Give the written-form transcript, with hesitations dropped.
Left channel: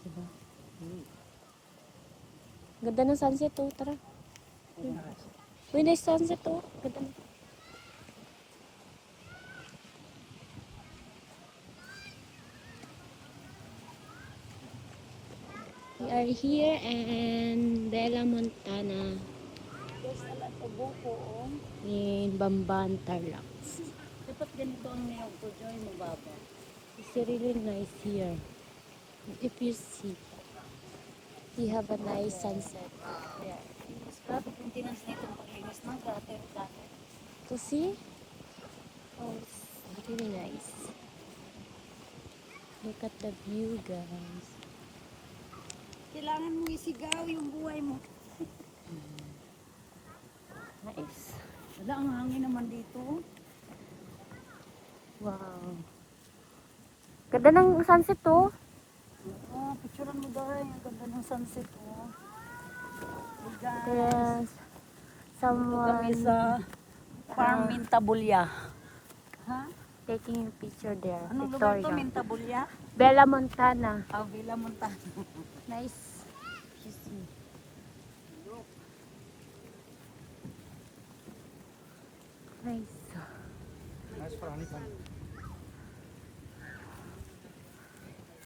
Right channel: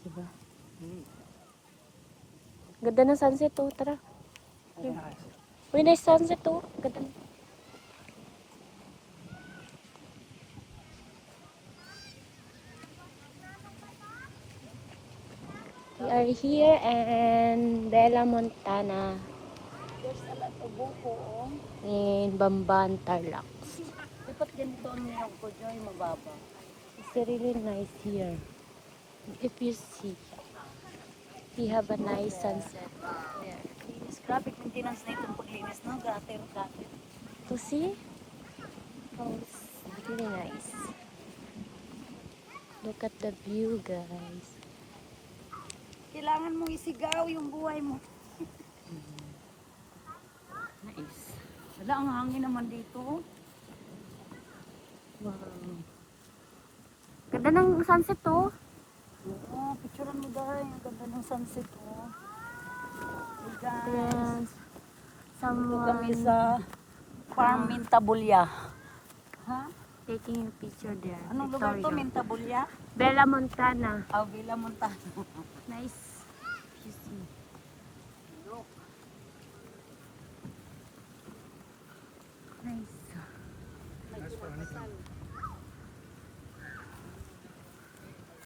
Diba? Ganda ng sunset to. Tara. Uy, nice sunset to. Ganda na. We are here in Bella Montana There's a lot of buko, oh. in Bamban, Tarlac. Dapat ganito ang niyog ko, Joy, mababa. It's really nice here. If you see, we have a nice sunset. Yeah. Linis, grabe maintenance na itong paglinis, no? Gutter. To see? Oh, it's really nice. Look at the view, guys. Kailangan mong isigaw yung buhay mo. Nice. Wala, ang hangin naman dito. Wow. Ganda ng sunset to. Oo, picturean mo daw. Ang ganda ng sunset, oh. Hey guys, Yes. dito kami Someone sa Farm Mintabulya. Ha? taking a picture there. Anong lugar to, Victoria. Mintabulya? Bella Montana. Villa Montana. Nice. You see. Nice. Nice for